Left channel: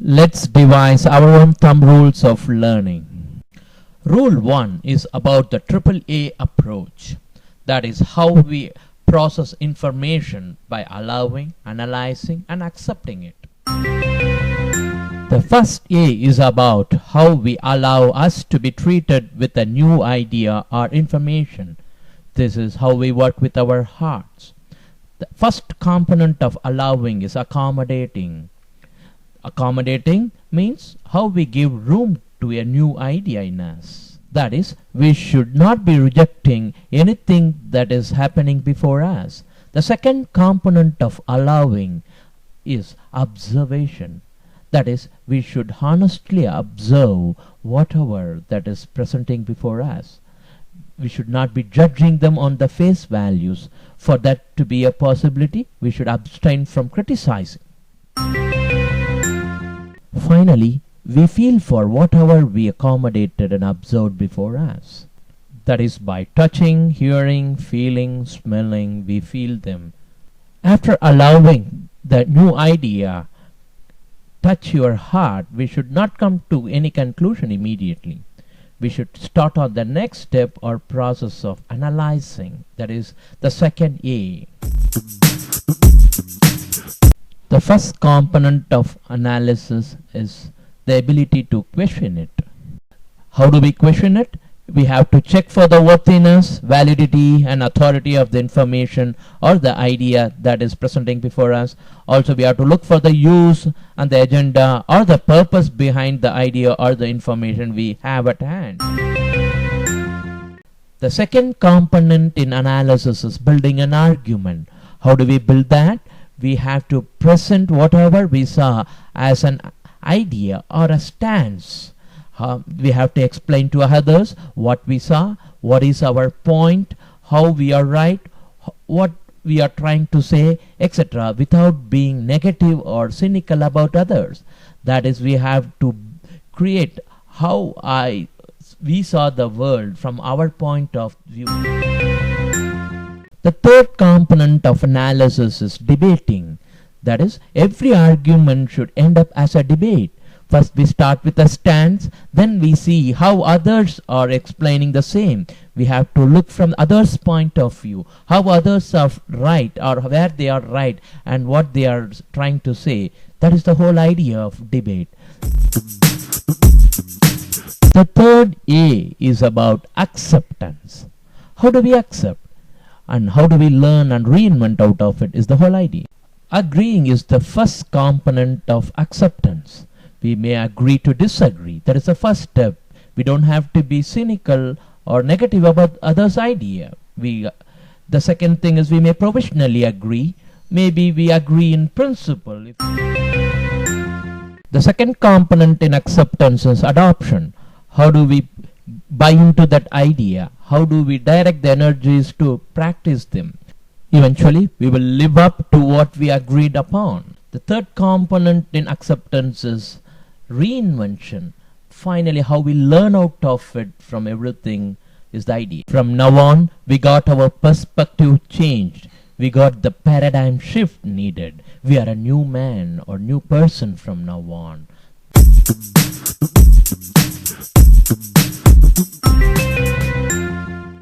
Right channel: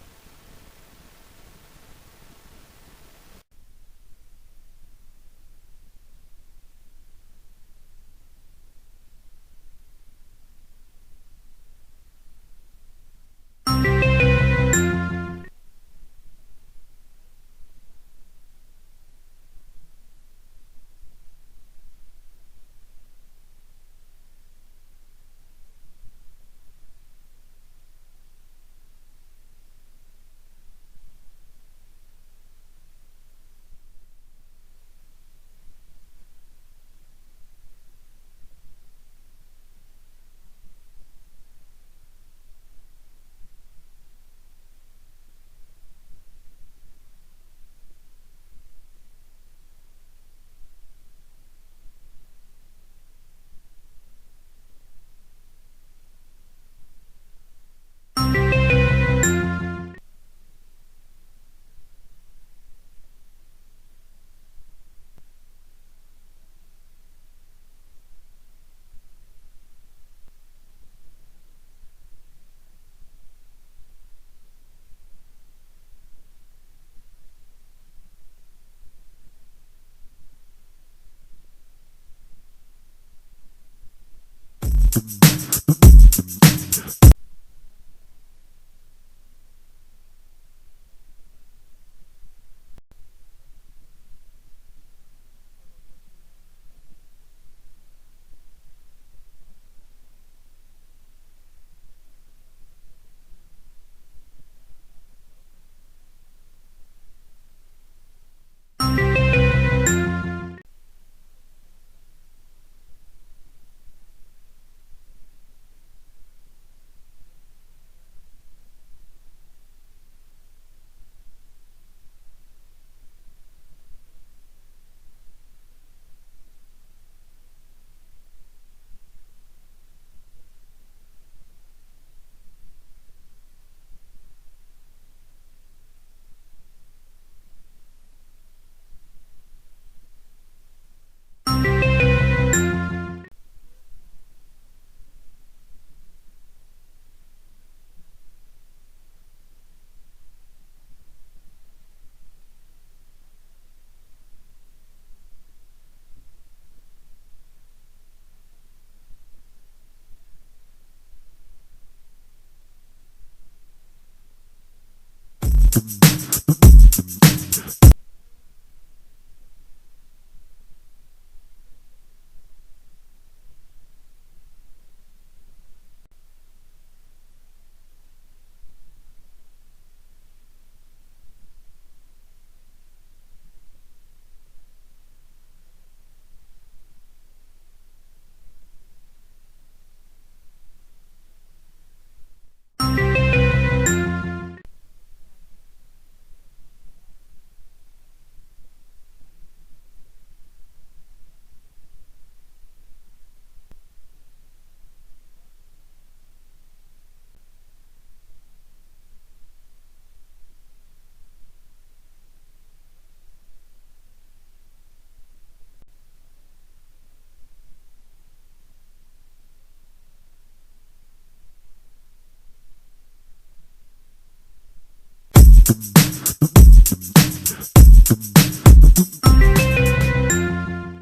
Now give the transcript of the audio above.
Let's devise our own thumb rules of learning. Rule 1 is about the AAA approach. That is how we process information by allowing, analyzing, and accepting it. The first A is about how we allow us to be treated with a new idea or information. This is how we work with our hearts. The first component of allowing is accommodating. Accommodating means how we give room to a new idea in us. That is, we should not be rejecting anything that is happening before us. The second component of allowing is observation. That is, we should honestly observe whatever that is presenting before us. We should not be judging them on the face values. For that to be a possibility, we should abstain from criticizing. Finally, we feel for whatever we accommodated and observed before us. That is, by touching, hearing, feeling, smelling, we feel them. After allowing the new idea touch your heart, we should not come to any conclusion immediately. We should start on the next step or process of analyzing. That is the second A. The first component of analysis is the ability to question it. How do we question it? We have to check for the worthiness, validity, and authority of the information or the idea that is presenting before us. Also, we have to look for the use and the agenda or the purpose behind the idea or the information we have at hand. The second component in analysis is building an argument. How do we build that? We have to present whatever we saw as an idea or a stance. We have to explain to others what we saw, what is our point, how we are right, what we are trying to say, etc., without being negative or cynical about others. That is, we have to create how we saw the world from our point of view. The third component of analysis is debating. That is, every argument should end up as a debate. First we start with a stance, then we see how others are explaining the same. We have to look from others' point of view, how others are right or where they are right and what they are trying to say. That is the whole idea of debate. The third A is about acceptance. How do we accept? And how do we learn and reinvent out of it is the whole idea. Agreeing is the first component of acceptance. We may agree to disagree. That is the first step. We don't have to be cynical or negative about others' idea. The second thing is we may provisionally agree. Maybe we agree in principle. The second component in acceptance is adoption. How do we buy into that idea? How do we direct the energies to practice them? Eventually, we will live up to what we agreed upon. The third component in acceptance is reinvention. Finally, how we learn out of it from everything is the idea. From now on, we got our perspective changed. We got the paradigm shift needed. We are a new man or new person from now on.